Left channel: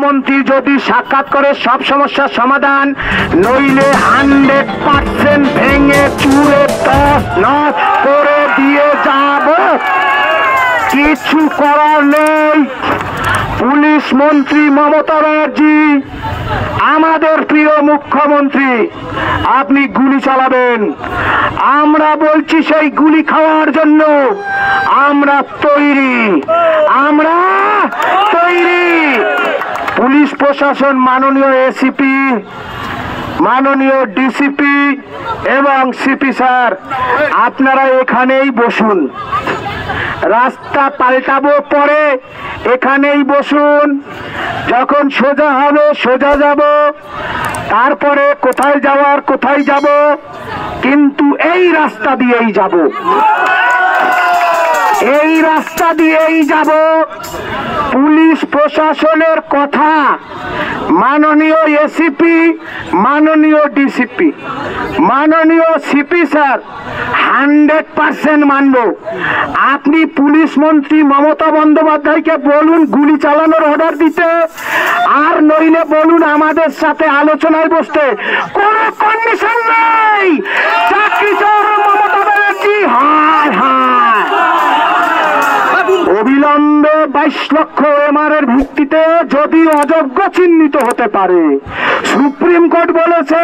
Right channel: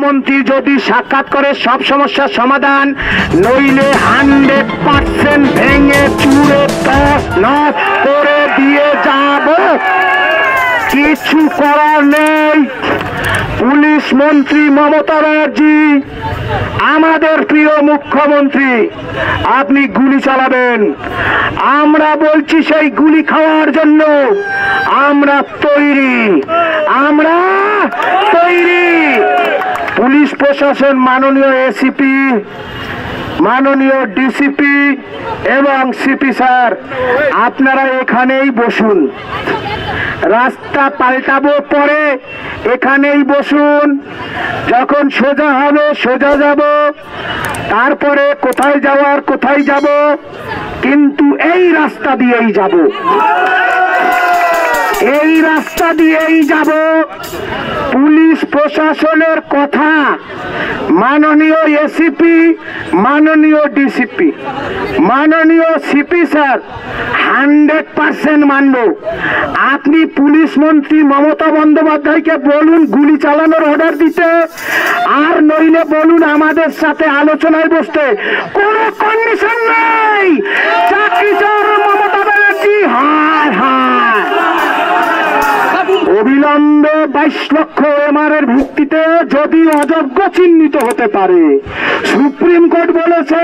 মুখ্যমন্ত্রী যদি সাক্ষাৎ করে সব সমস্যার সমাধান, নইলে 100% ভেঙে চুরে তছ নছ করে দিয়ে যাব। কিছু করার নেই। পুলিশ মন্ত্রী মমতা ব্যানার্জি, আমাদের প্রিয় মুখ্যমন্ত্রী, আপনি গুলি চালাবেন, আমরা বলছি সেই গুলি খাওয়ার জন্য আমরা তৈরি, আমরা তৈরি। পুলিশ প্রশাসন, মাননীয় এসিপি, মাননীয় ডিসিপি এবং সিপি স্যার, আপনারা এখানেই বসুন। রাস্তা পাল্টাবো পরে, এখানেই বসুন। যখন সোজা হবে সোজা যাব, তারপরে কোথায় যাওয়ার কোথায় যাব, কিন্তু এই রাস্তা দিয়েই যাব, এই রাস্তা দিয়েই যাব। পুলিশ প্রশাসনের কথা মাননীয় এসিপি, মাননীয় ডিসিপি, মাননীয় সিপি স্যার 100% মানব। আপনি পুলিশ মন্ত্রী মমতা বন্দ্যোপাধ্যায়কে বলুন গুলি চালানোর অর্ডার দিতে, আর নইলে বলুন আমাদের সাথে আলোচনায় বসতে। কোনো কন্ডিশন নেই। চাকরি চোর মমতা ব্যানার্জি, হায় হায়। অবিলম্বে 22 লক্ষ এমআরের ভিত্তিতে যদি অযোগ্য চিহ্নিত হতে পারে, সুপ্রিম কোর্ট বলেছে